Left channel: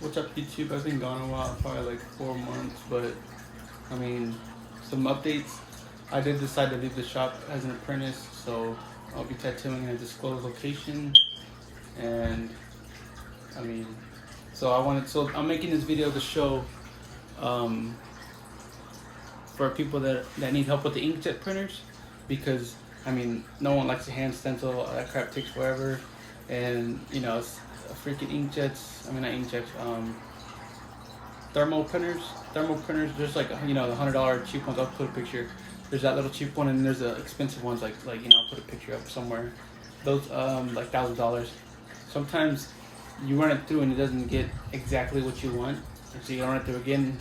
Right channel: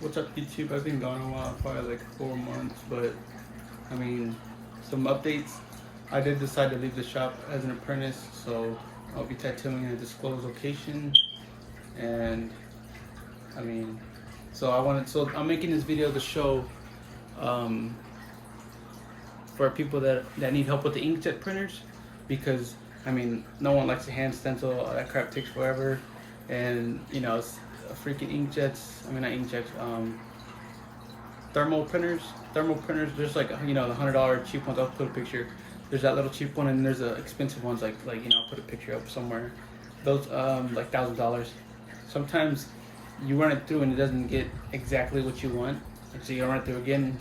What's up, YouTube? I've been gone a while, probably like 4 months, but I mean, some updates. I did decide to leave the shop as an apprentice, so I'll be tattooing in a disclosed location. And I mean, so I'm making this video to show for people that need help with the inkjet printers, because I mean, no one likes to hand stencil. That crap takes forever, and you know, it's freaking inkjets. I mean, not inkjets. Thermal printers. There's like, you know, the $100 cheap ones. I'll put a picture. There's that little cheap one, and there's the expensive ones. Like you know, I'll put a picture up somewhere. Those like $1,000. Sometimes you run it through and it doesn't get exactly what you want, and so you run it through again.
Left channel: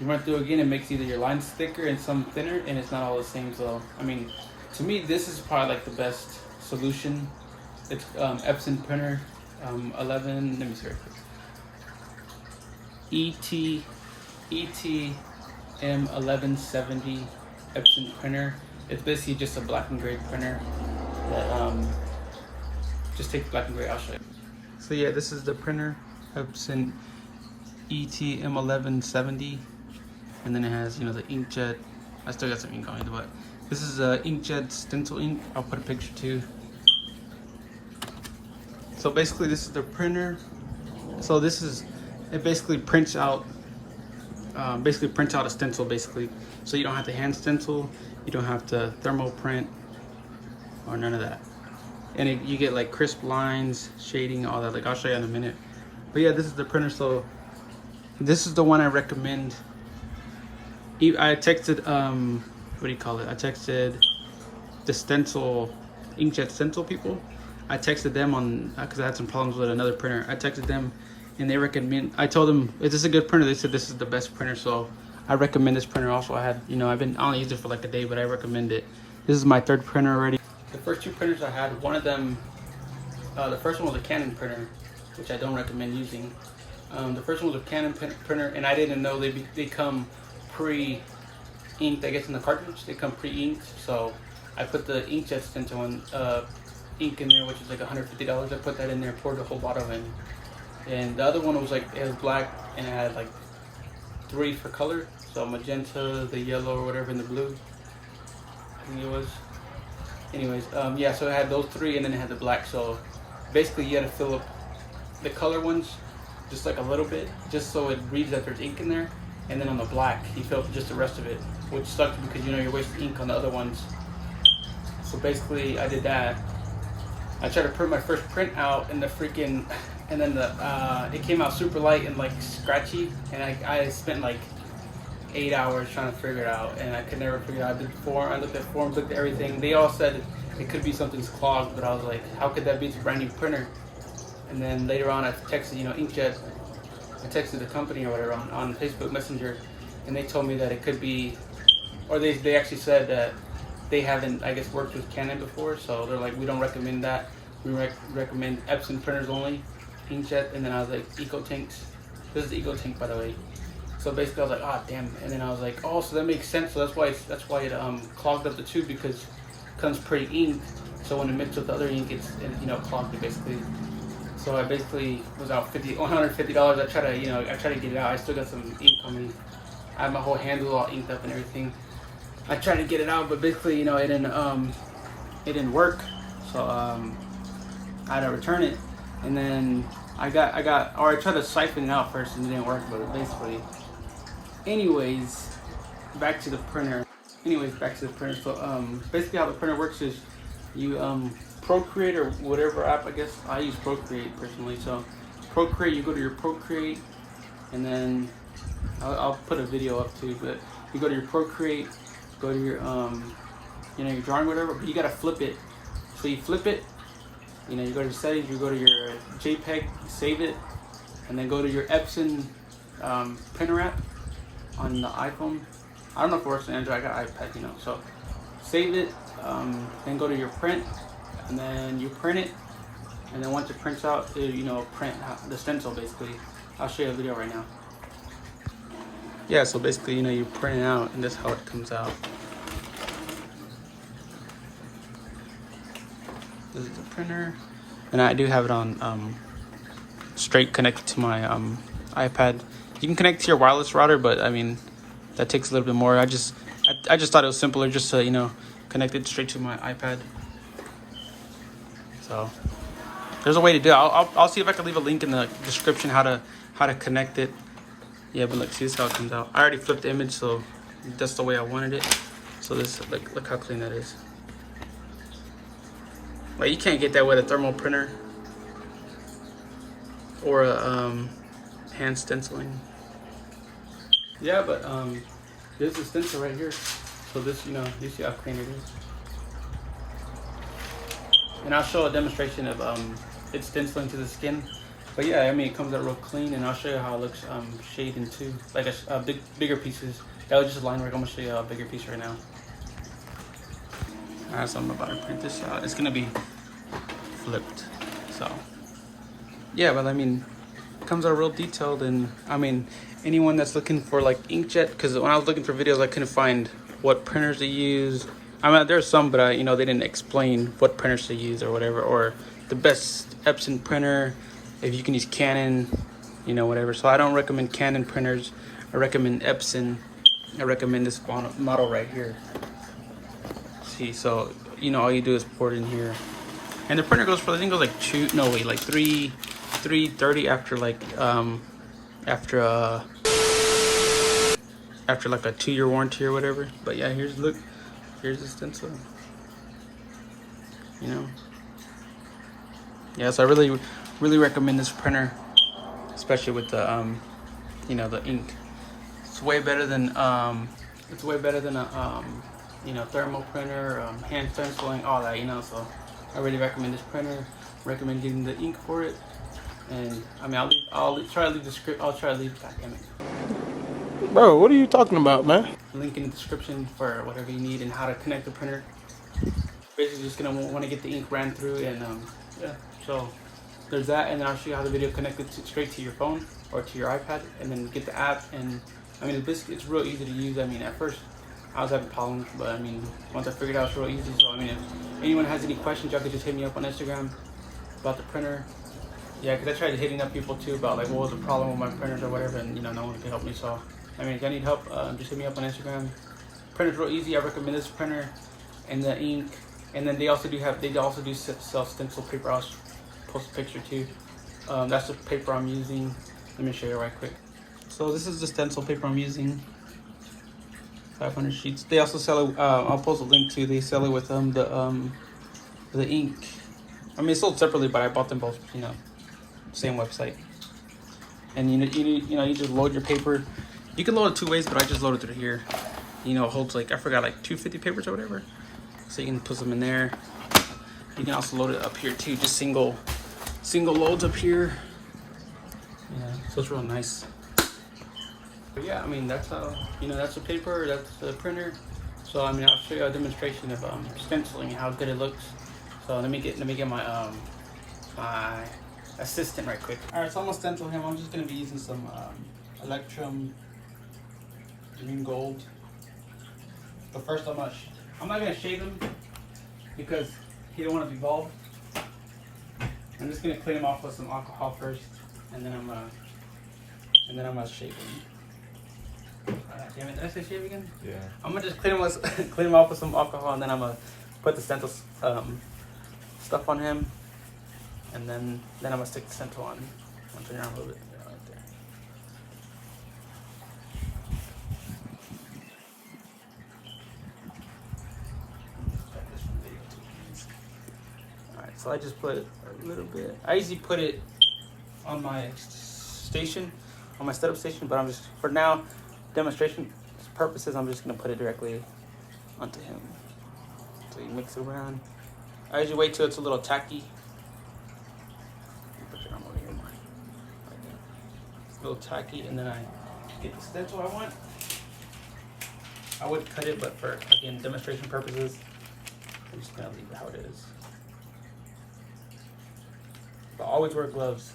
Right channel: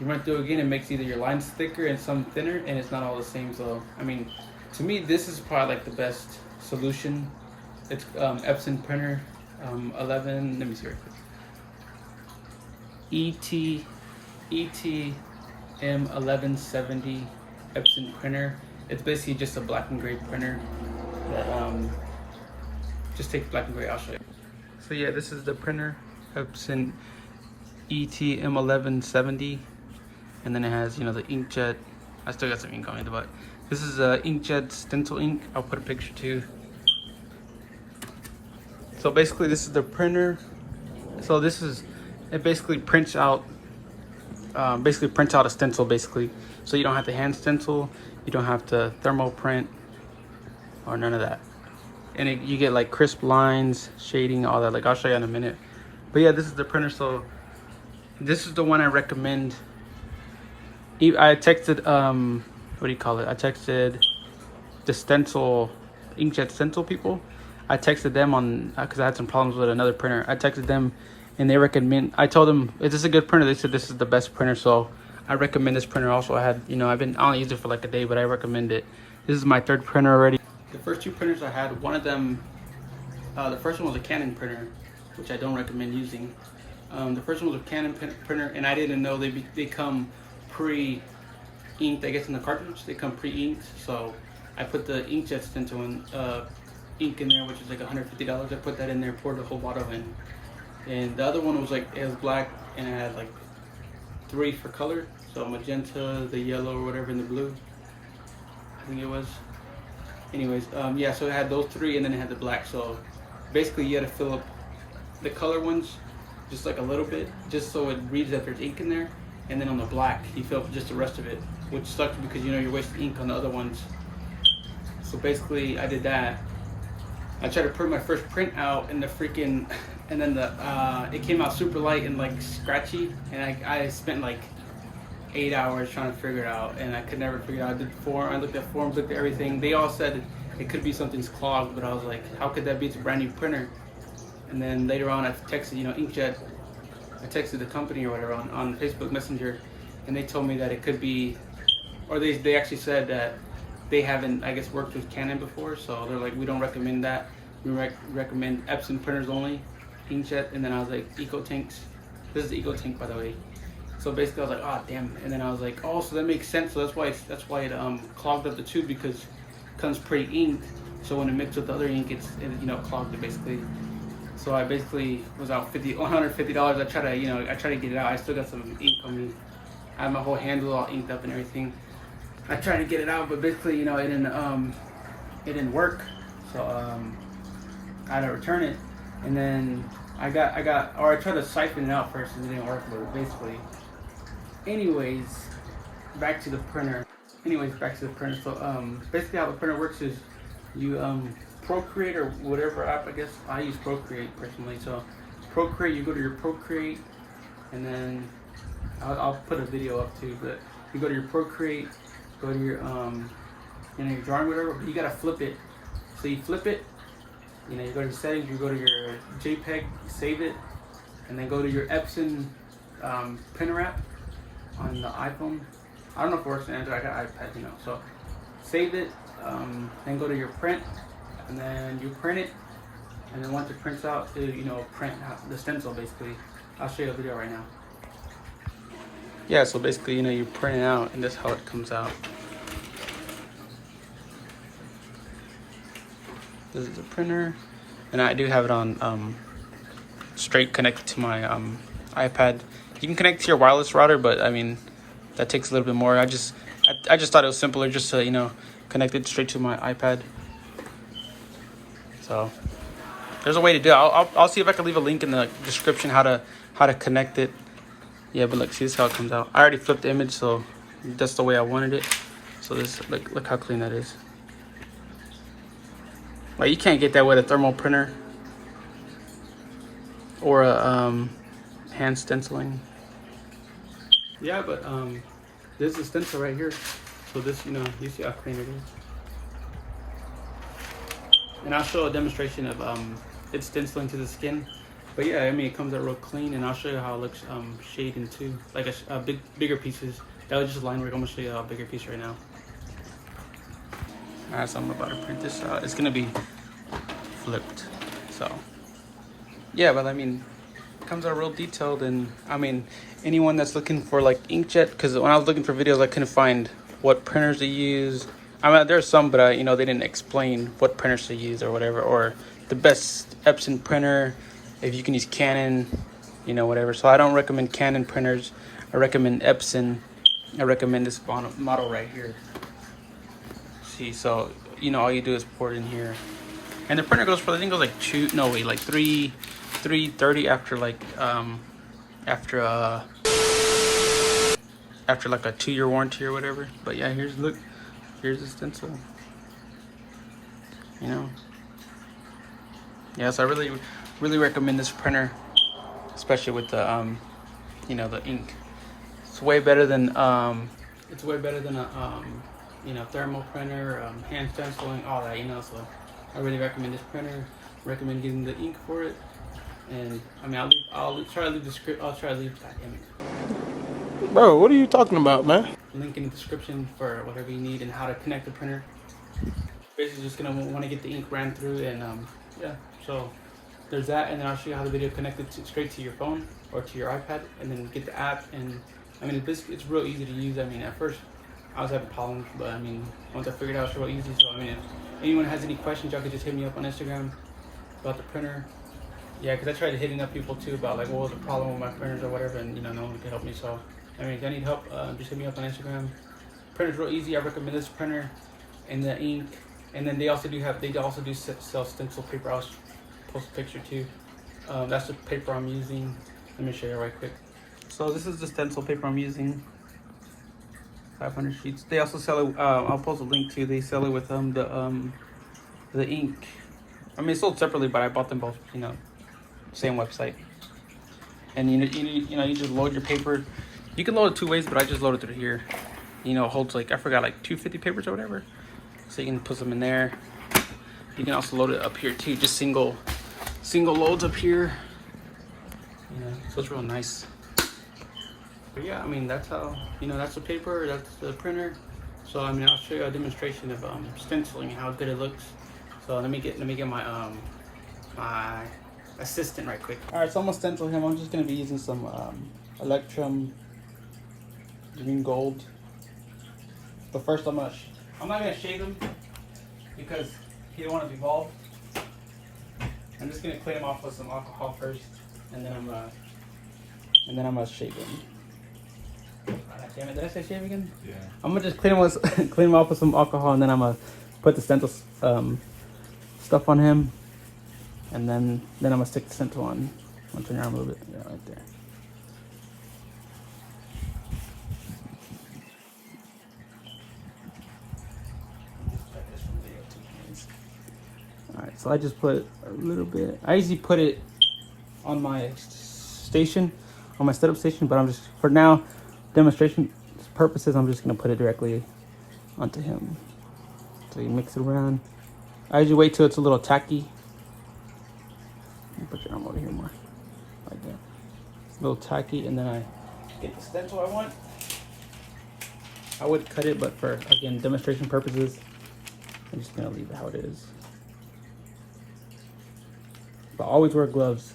You run it through again, it makes either your lines thicker and some thinner, and it's not all the same. So I mean, to me, this is probably like the best solution. It's Epson printer, 11. Let me see real quick. M1170 Epson printer. It's basically just a black and gray printer that just takes black and gray. I'll show you. So yeah, this is the printer, Epson M1170, and then it has, you know, the inkjet. I still got some ink on it, but this is a inkjet stencil ink. I'll put a picture too. So basically, this is the printer. So this is, it basically prints out a stencil basically. So you don't have to hand stencil, you don't have to thermal print, or none of that. And you get like crisp lines, shading, all that. Like I'll show you in a minute. But yeah, this is the printer. So this is the one I recommend. I texted what do you call it? I texted the stencil, inkjet stencil people. I texted them on, because I had some problems with another printer. I texted them and they recommend, I told them, is this a good printer? They said this is the best printer. So I recommend this printer also. I had, you know, I don't use it for like a day, but I recommend it. This is my third printer already. The first two printers I had, one of them, the first one was a Canon printer, which I don't recommend using. The first one was a Canon printer, and I didn't know they come pre-inked, I guess, in the cartridge. They come pre-inked, so I put the inkjet stencil ink in there, which is like $150. I put that in there, poured the whole bottle in. And the other one was like, it was black, and it had like 3 for color. So magenta, the yellow, or whatever, and the blue, I think it was. Anyways, yeah, so it had those 3, and then it had the black. So basically you had to fill up the color ones just like a little bit, just so it reads that there's ink in there. And then on the black, you fill up just the rest of it, which sucks because, you know, you're wasting ink on the other ones. So basically I did that. I tried to print my first print out, and and then it came out super light and like scratchy, and I spent like 8 hours trying to figure it out, and I could never figure it out. I looked at forums, looked at everything. They all said it could be something's clogged, but I was like, how could that be? It's a brand new printer. And then later on I texted, you know, Inkjet, I texted the company or whatever on Facebook Messenger, and they told me that it could be, or they actually said that they haven't, I guess, worked with Canon before, so they're like, we don't recommend that. We recommend Epson printers only, inkjet. And then I was like, Eco Tanks. This is the Eco Tank, by the way. So basically, I was like, oh damn. And then I was like, oh, so that makes sense. So that's why it clogged up the tube, because it comes pre-inked. So when it mixed with the other ink, it you know, clogged it basically. So I basically was out $150. I tried to get it out. I still got some ink on me. I have my whole handle all inked up and everything. I tried to get it out, but basically, you know, it didn't work. So I had to return it, and then I tried to siphon it out first, and it didn't work. But basically, anyways, back to the printer. So basically, how the printer works is you Procreate or whatever app. I guess I use Procreate personally. So Procreate, you go to your Procreate, and then I'll put a video up too. But you go to your Procreate. Go to your, you know, your drawing, whatever, but you gotta flip it. So you flip it, you know, you go to settings, you go to your JPEG, save it, and then go to your Epson printer app on the iPhone. I don't know if it works on Android, I got iPad, you know. So save it, then go to your print, and then you print it, and then once it prints out, you know, print the stencil basically. I'll show you a video right now. Yeah, so basically, you know, you print it out, and that's how it comes out. This is the printer, and I do have it on straight connected to my iPad. You can connect to your wireless router, but I mean, that takes a little bit more. I just thought it was simpler just to, you know, connect it straight to my iPad. So there's a way to do it. I'll see if I can leave a link in the description how to connect it. Yeah, but look, see, this is how it comes out. I already flipped the image, so that's the way I wanted it. So this, look how clean that is. Like, you can't get that with a thermal printer or a hand stenciling. Yeah, but there's a stencil right here. So this, you know, you see how clean it is. And I'll show a demonstration of it stenciling to the skin. But yeah, I mean, it comes out real clean, and I'll show you how it looks shading too. Like a bigger pieces. That was just line work. I'm gonna show you a bigger piece right now. Alright, so I'm about to print this out. It's gonna be flipped. So yeah, but I mean, it comes out real detailed. And I mean, anyone that's looking for like inkjet, because when I was looking for videos, I couldn't find what printers to use. I mean, there's some, but you know, they didn't explain what printers to use or whatever, or the best Epson printer, if you can use Canon, you know, whatever. So I don't recommend Canon printers. I recommend Epson. I recommend this model right here. See, so you know, all you do is pour it in here, and the printer goes for, I think it goes like 330 after like after like a 2-year warranty or whatever. But yeah, here's the stencil, you know. Yeah, so I really recommend this printer, especially with the you know, the ink. It's way better than a you know, thermal printer, hand stenciling, all that, you know. So I really recommend this printer. Recommend getting the ink for it. And I mean, I'll try to leave the script. I'll try to leave that image. Bro, what are you talking about, man? Link in the description for whatever you need and how to connect the printer. Basically, just gonna want to get the ink ran through, and yeah. So there's that, and then I'll show you how the video connected straight to your phone or to your iPad, and then get the app. And I mean, it's real easy to use. I mean, at first I was having problems, but I mean, once I figured out, it's real easy. So I mean, if anyone has any questions, y'all could just hit me up on Instagram about the printer. Yeah, because I tried hitting up people too about like what was the problem with my printers or whatever, and you know, no one could help me. So I mean, if I need help, just hit me up on Instagram. Printer's real easy. I recommend this printer and the ink. And then they also do sell stencil paper. I'll post a picture too. That's the paper I'm using. Let me show you right quick. So this is the stencil paper I'm using. 500 sheets. They also sell it. I'll post a link to. They sell it with the ink. I mean, it's sold separately, but I bought them both. You know, same website. And you just load your paper. You can load it 2 ways, but I just loaded through here. You know, it holds like, I forgot, like 250 papers or whatever. So you can put them in there. You can also load it up here too, just single loads up here. Yeah, so it's real nice. But yeah, I mean, that's how, you know, that's the paper, that's the printer. So I mean, I'll show you a demonstration of stenciling, how good it looks. So let me get my my assistant right quick. All right, so I'm gonna stencil him. I'm just gonna be using some Electrum green gold. But first I'm not gonna shave him because he don't want to be bald. I'm just gonna clean him off with some alcohol first, and then I'm gonna shave him. Damn it! Did I say shave again? Yeah. I'm gonna just clean him off with some alcohol, and then I'm gonna put the stencil stuff on him, and then I'm gonna stick the stencil on. I'll turn around a little bit. Yeah, right there. So I just put a little bit. I usually put it on my station, on my setup station, but I'm just, for now, demonstration purposes, I'm just gonna put it directly onto him. So you mix it around. I usually wait till it's a little tacky. Put your arm over here more. Like that. It's a little tacky, and then I get the stencil I want. I would cut it, but for, again, demonstration purposes, I'm just gonna leave it how it is. But always wear gloves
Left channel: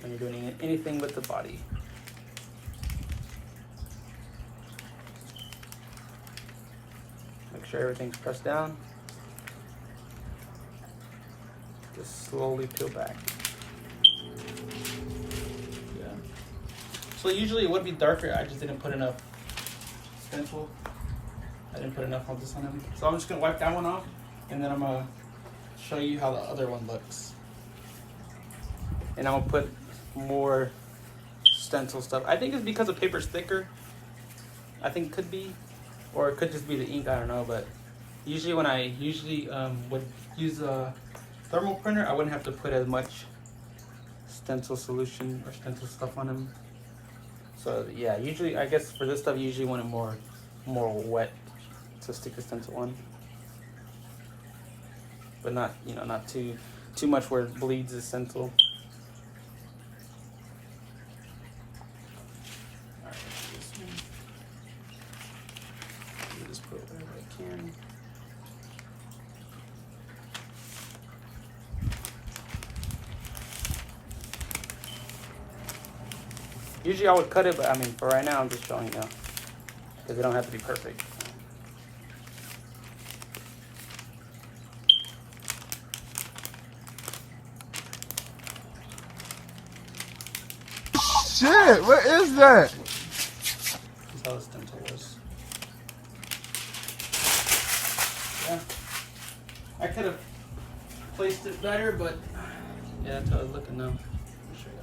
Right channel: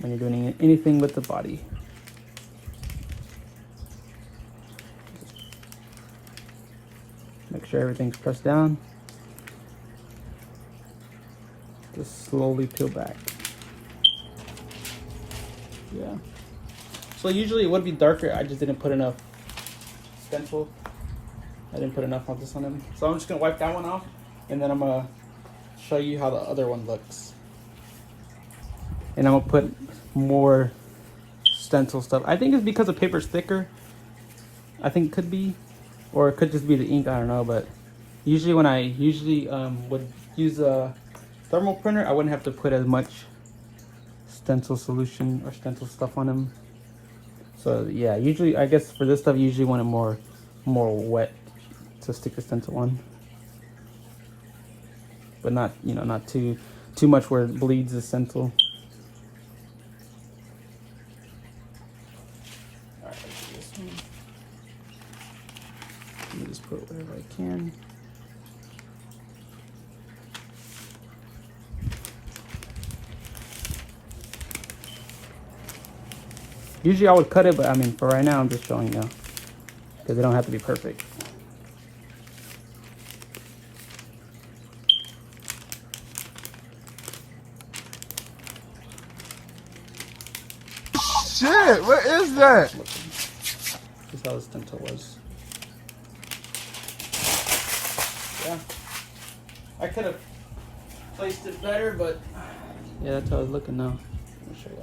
when you're doing anything with the body. Make sure everything's pressed down. Just slowly peel back. Yeah. So usually it would be darker. I just didn't put enough stencil. I didn't put enough of this on them. So I'm just gonna wipe that one off, and then I'm gonna show you how the other one looks. And I'm gonna put more stencil stuff. I think it's because the paper's thicker. I think it could be, or it could just be the ink. I don't know. But usually when I would use a thermal printer, I wouldn't have to put as much stencil solution or stencil stuff on them. So yeah, usually I guess for this stuff, you usually want it more wet to stick the stencil on, but not, you know, not too much where it bleeds the stencil. Alright, this one. Let me just put it wherever I can. Usually I would cut it, but I mean, for right now, I'm just showing you, because they don't have to be perfect. Shit, what is that? This is how the stencil was. Yeah. I could have placed it better, but yeah, that's how it's looking now. Let me show you.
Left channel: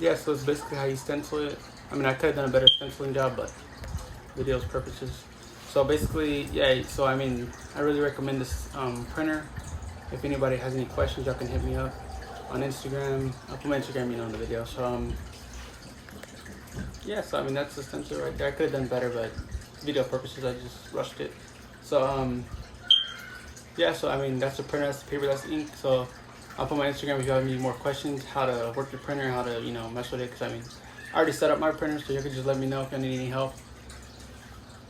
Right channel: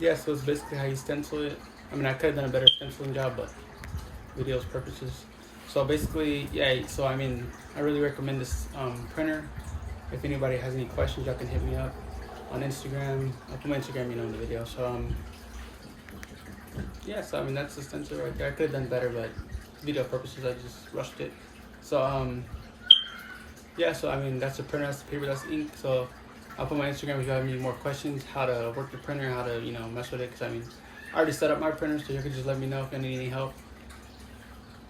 Yeah, so it's basically how you stencil it. I mean, I could have done a better stenciling job, but video purposes. So basically, yeah, so I mean, I really recommend this printer. If anybody has any questions, y'all can hit me up on Instagram. I'll put my Instagram, you know, in the video. So yeah, so I mean, that's the stencil right there. I could have done better, but video purposes, I just rushed it. So yeah, so I mean, that's the printer, that's the paper, that's the ink. So I'll put my Instagram if you have any more questions, how to work the printer, how to, you know, mess with it. Because I mean, I already set up my printer, so you can just let me know if you need any help.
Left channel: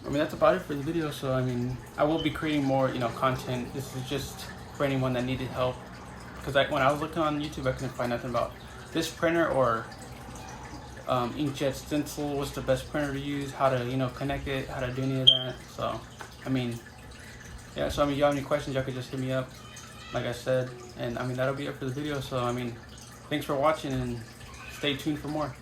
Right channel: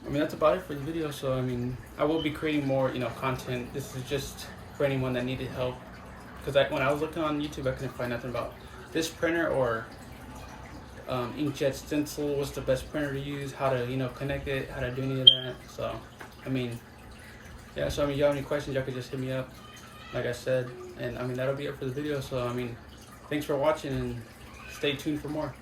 I mean, that's about it for the video. So I mean, I will be creating more, you know, content. This is just for anyone that needed help. Because when I was looking on YouTube, I couldn't find nothing about this printer or Inkjet Stencil. What's the best printer to use? How to, you know, connect it? How to do any of that? So I mean, yeah. So I mean, if you have any questions, y'all could just hit me up, like I said. And I mean, that'll be it for the video. So I mean, thanks for watching and stay tuned for more.